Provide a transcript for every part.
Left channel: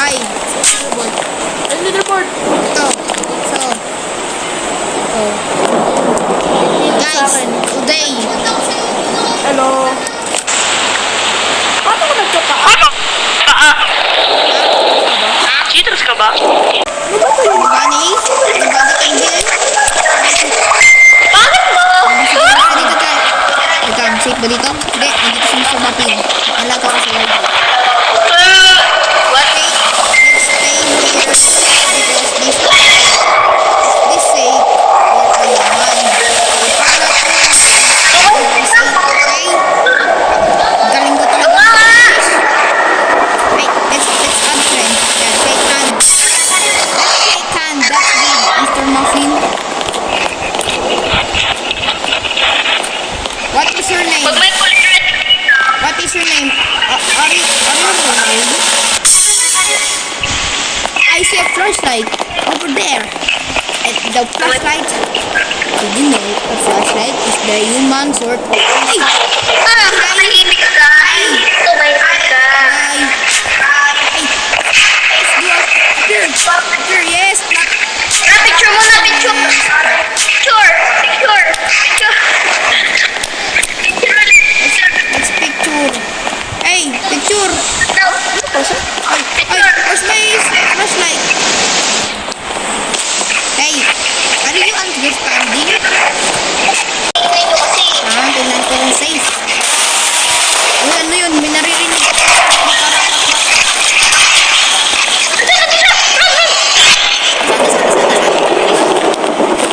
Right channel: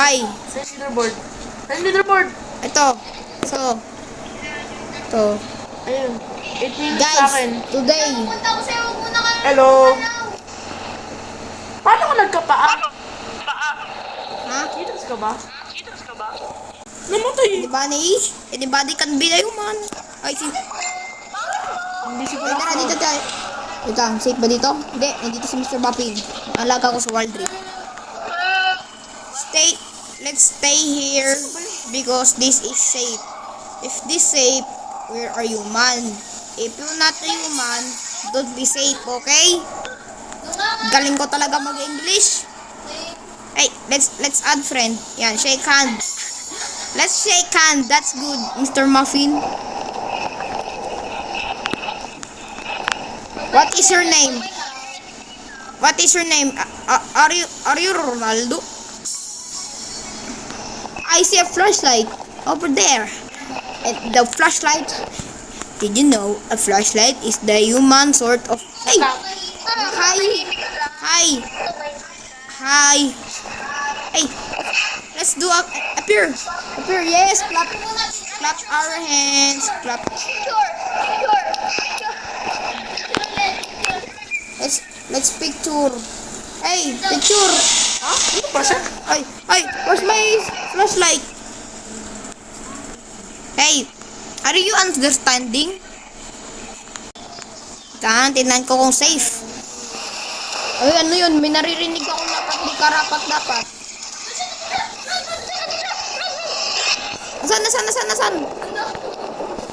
Hi. Leaderboard. Ano leaderboard? Ito. So. Ito. Guys, today. Hello. Paano mo nagkapaa? Cheaters ka ba? Ano ba ito yun? Anybody can be there? Bakit mo? Dito tayo. Wait lang, safe ba dito? Hindi, nandito si Mr. Muffin. Nalaga ko sa wide. What? Okay, let's stay here because this is safe. If this safe, where are you, man? If I'm not here, man, we'll be safe, okay? Galing ko talaga mga English. Hey, let's add friend. Yan, shake hand. Let's shake hand. That's good, Mr. Muffin. What is your name? Pag may kulitret. What is your name? Are you Ronaldo? I see a flashlight over there. And the flashlight, did you know a flashlight is the human sort of... Hey! Tahimik ka. Hi! Tumahimik ka. Hi! Hey! Let's do appear! Appear, yes! Clap! Picture mo na, picture. Yes! Clap! Picture. Let's picture! Hey! Picture! Ay! Where's my flashlight? Hey! Are you understanding? Tingnan ko kung safe. Uy, ano yun? May naririnig ako. Magkarapat-lapat. Saan?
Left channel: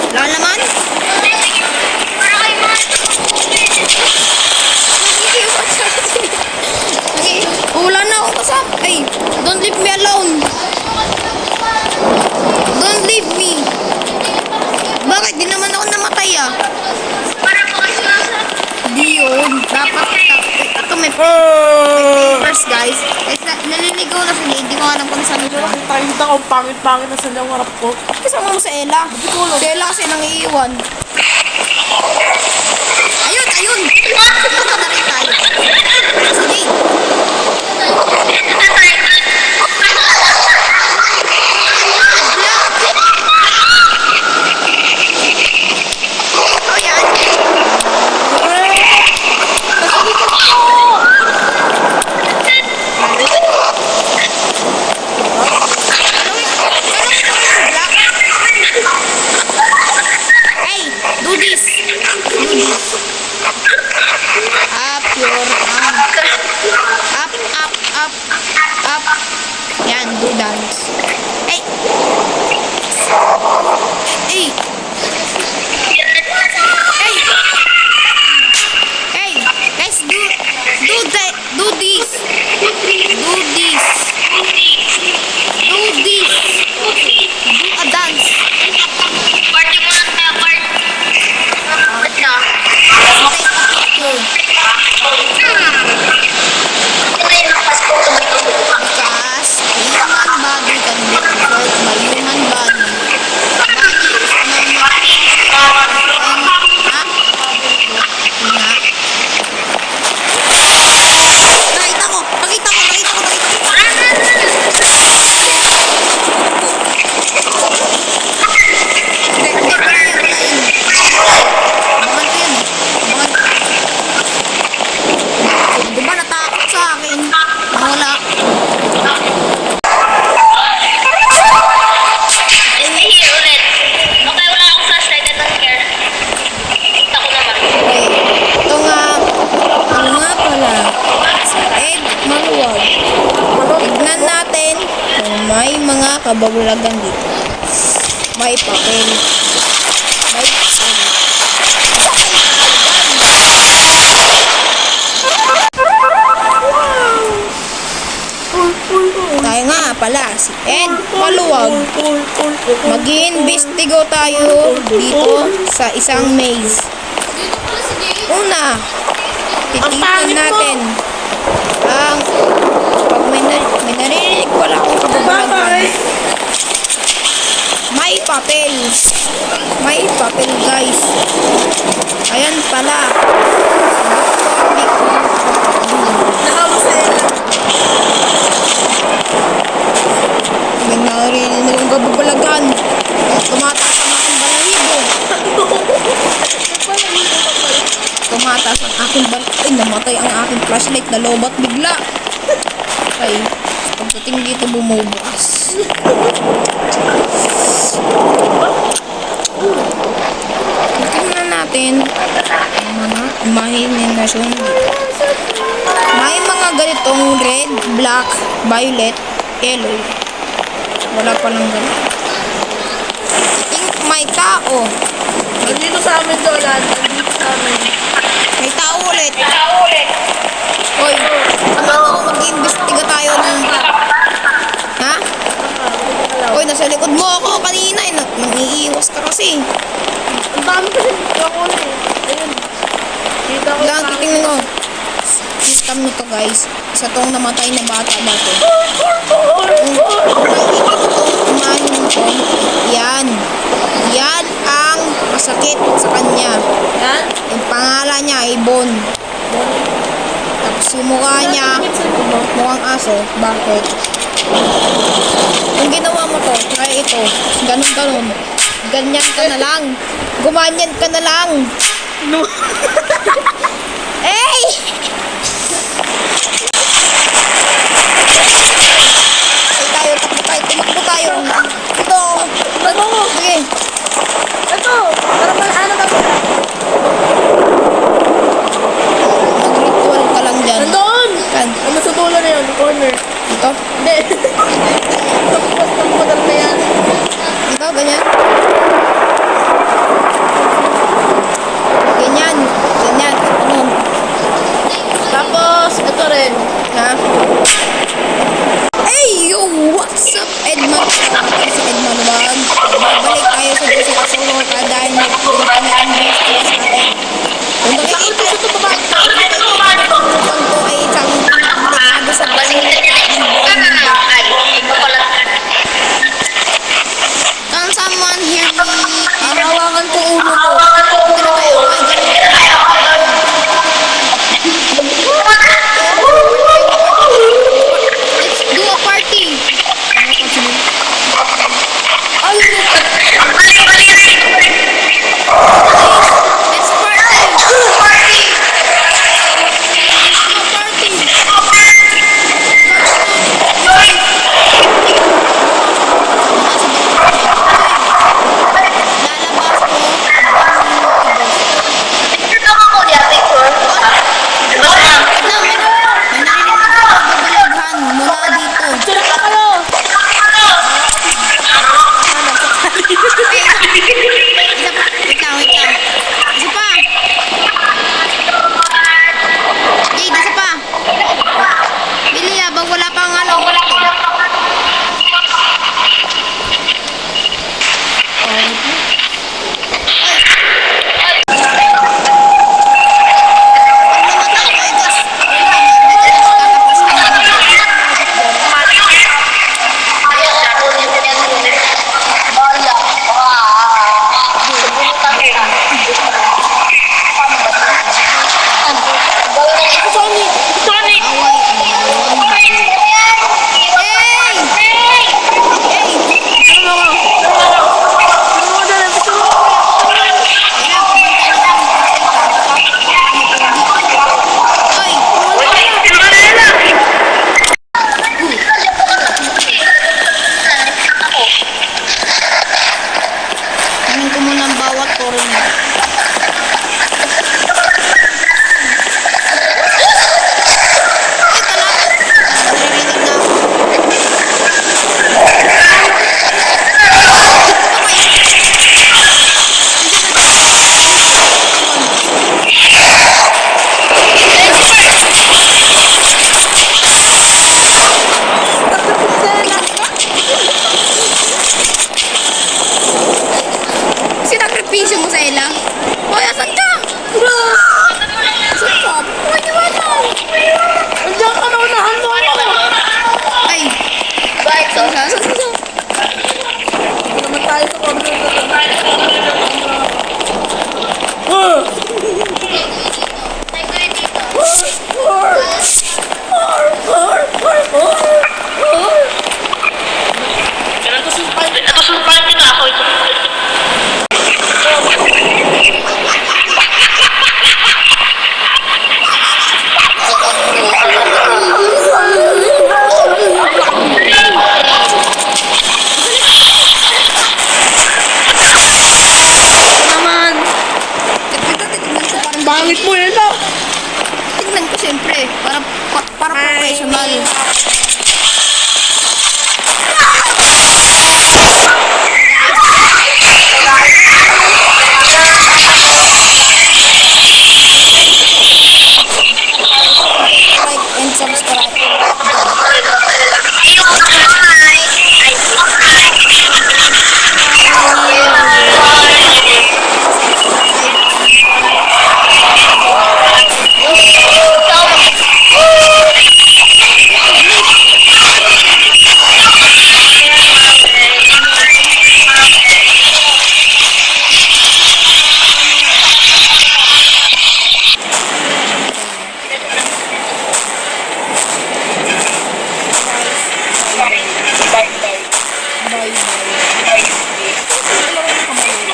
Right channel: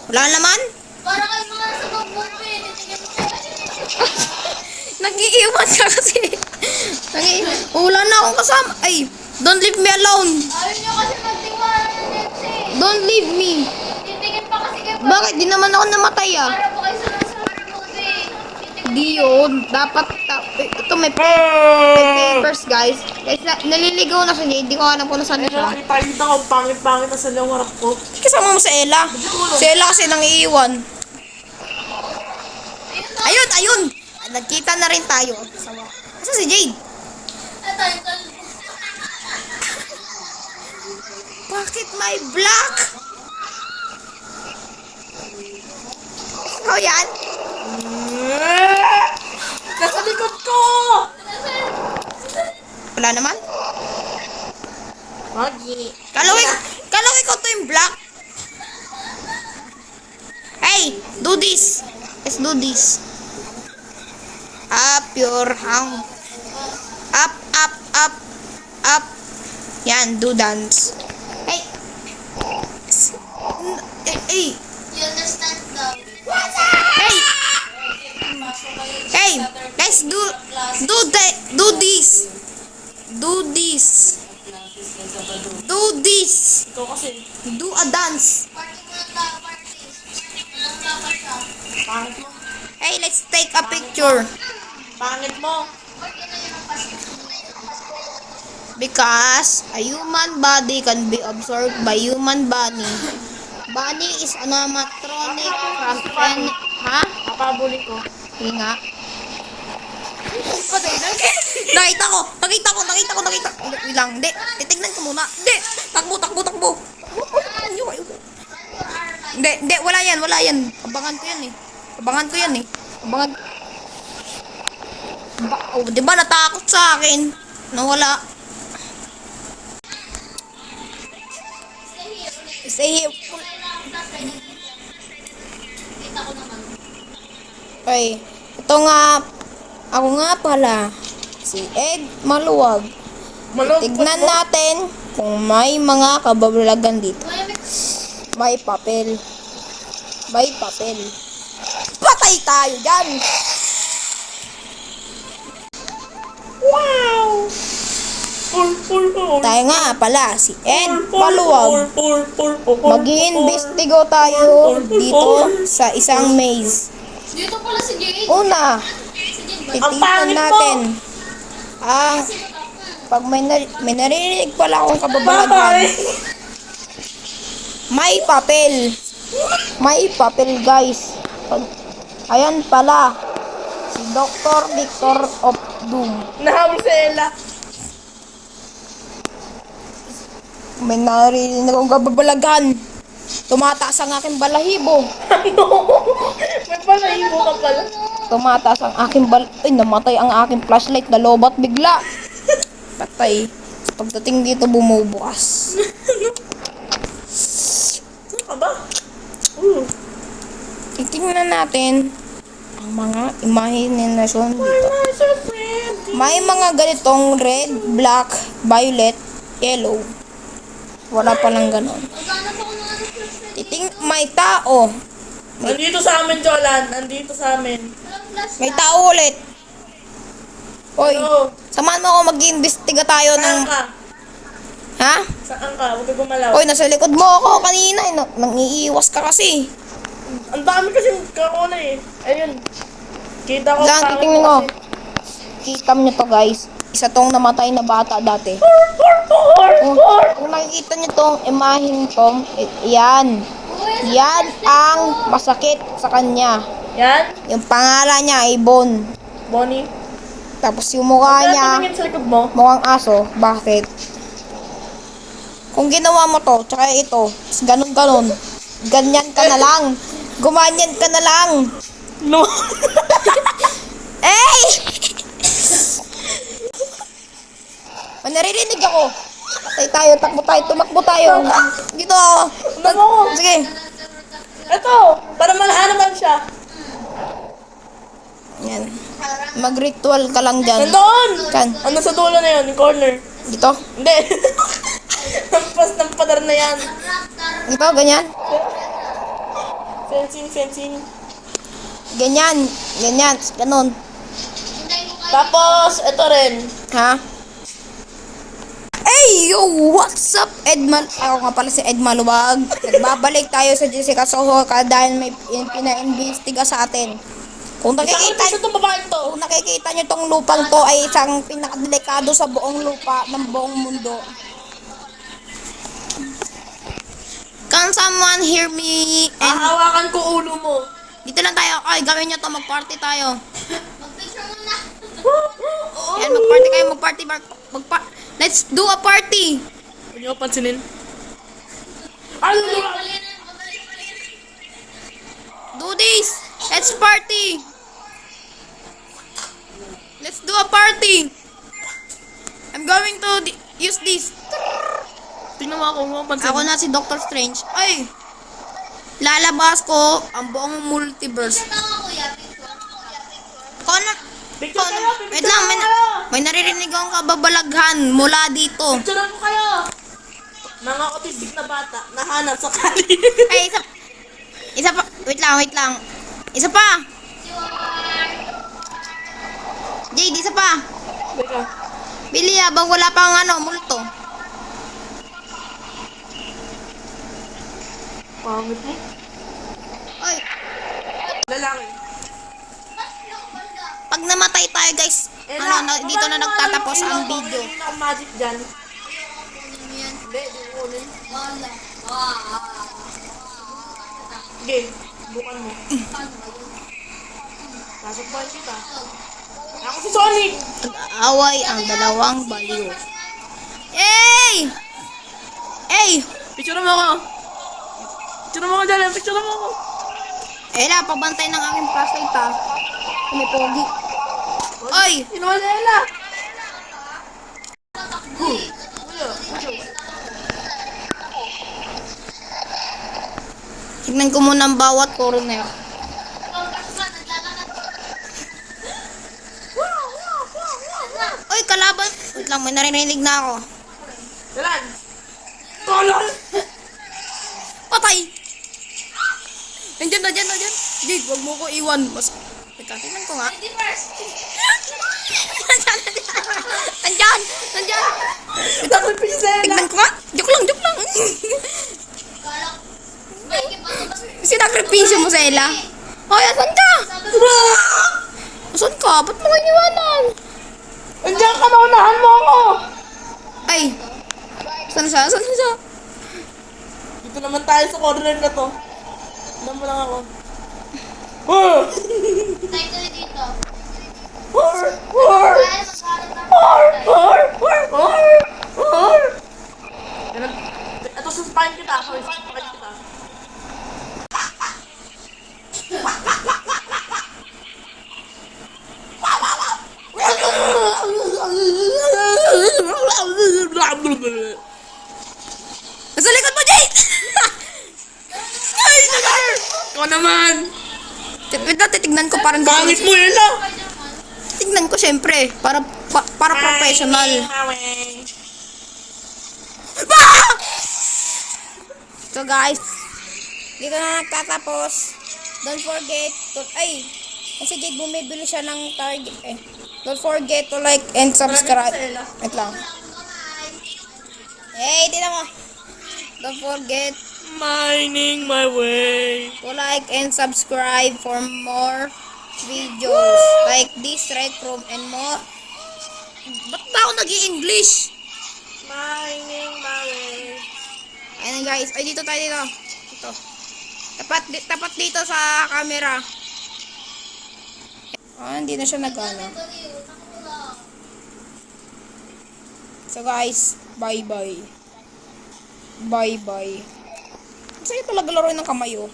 Wala naman? Nag-iiwan ka kasi. Wala na akong kasama. Ay, don't leave me alone. Don't leave me. Bakit? Di naman ako namatay ah. Di yun. Dapat ito may papers guys. Guys, naliligaw na sila. Hindi ko alam kung nasaan ko. Nakita ko, pangit-pangit na sa harap ko. Kasama mo sa Ella. Si Ella kasi nang iiwan. Ayun! Nagkita na rin tayo. Si Jade. Black! Oh, yan. Wala naman. Kalawin ko yung black. Hey, do this. Let's do this. Up your arm. Up. Yan, do dance. Hey. Hey, let's do this. Do a dance. Party mo na, party. Let's take a picture. Because a human body can be absorbed by human body. Body is anatomic and Nakita ko. Takbo. Hindi, wala yan. Abangan ko yan eh. Diba natakot sa akin? Nawala. Here ulit. Okay, wala akong flashlight. I don't care. Kita ko naman. Okay. Ako nga pala. Si Ed Maluwag. Tignan natin kung may mga kababalagan dito. May papel. Patay tayo dyan. Tayo nga pala, si Ed Maluwag. Mag-iimbestigo tayo dito sa isang maze. Una, titipan natin ang pag may narinig pala akong kababalagan. May papel guys. Ayan pala si Dr. Licor of Doom. Nahawa sa Ella. May narinig akong gababalaghan. Tumataas ang aking balahibo. May palahibo ka pala. Tumataas ang aking Ay, namatay ang aking flashlight. Nalobat bigla. Okay. Pagdating dito, bumubukas. Tingnan natin ang mga imahinasyon dito. May mga ganitong red, black, violet, yellow. Wala palang ganun. May tao. Nandito sa amin, Jolan. Nandito sa amin. May tao ulit. Hoy, samahan mo ako mag-iimbestiga tayo ng... Ha? Hoy, nasa likod mo ako kanina. Nang-iiwas ka kasi. Ang dami kasi ako na eh. Ayun. Kita ko Lang, titingnan mo. Kita mo to, guys. Isa tong namatay na bata dati. Kung nakikita mo tong imahin ko, yan. Yan ang masakit sa kanya. Yan. Yung pangalan niya ay Bon. Bonnie. Tapos yung mukha niya, mukhang aso. Bakit? Kung ginawa mo to, try ito. Ganun-ganun. Ganyan ka na lang. Gumanyan ka na lang. No. Hey! Narinig ako. Ay tayo, takbo tayo, tumakbo tayo. Dito. Sige. Ito. Para ano ba sila? Mag-ritual ka lang dyan. Nandun. Kan? Ano sa dulo na yun? Corner. Dito? Hindi. Tapos ng model na yan. Dito, ganyan. Ganyan. Ganyan. Ganun. Tapos, ito rin. Ha? Hey, yo! What's up, Edman? Ako nga pala si Edman Luwag. Babalik tayo sa Jessica Sohoka dahil may pinag-ambestiga sa atin. Kung makikita nyo itong lupang to ay isang pinakablikado sa buong lupa ng buong mundo. Can someone hear me? And hawakan ko ulo ko. Dito na tayo. Ay, gawin nyo na tayo. Let's do a party. Please, let's party. Let's do a party. I'm going to use. Ako na si Dr. Strange. Ay, lalabas ko ang multiverse. Ano? Wait lang, may naririnig ako babalaghan mula dito. Isa pa. Wait lang. Isa pa. Jade, isa pa. Bili, habang wala pang multo. Pag namatay tayo, guys, dito na nagtatapos ang video. Away ang dalawang baliw. Hey! Hey! Kaya pabantay na kami sa salita. Pumupugi. Oy! Tingnan ko muna ang bawat turo niya. Uy, kalaban! Naririnig na ako. Patay! Nandiyan na dyan. Iwan. Tingnan ko ba? Sinakripisyo mo sa Ella? Hoy, asan ka? Asan ka? Ba't mo iniwanan? Andiyan ka, naunahan mo ako. Ay! Saan siya? Saan siya? Ito naman tayo sa corner na to. Para professional. Like and subscribe. Like and subscribe for more videos like this. How mag-English? Ayan guys, ayun kayo. Tapat dito sa camera. Hindi na siya nagana. Guys, bye-bye. Bye-bye. Sino pala maglaro ng kamay yun?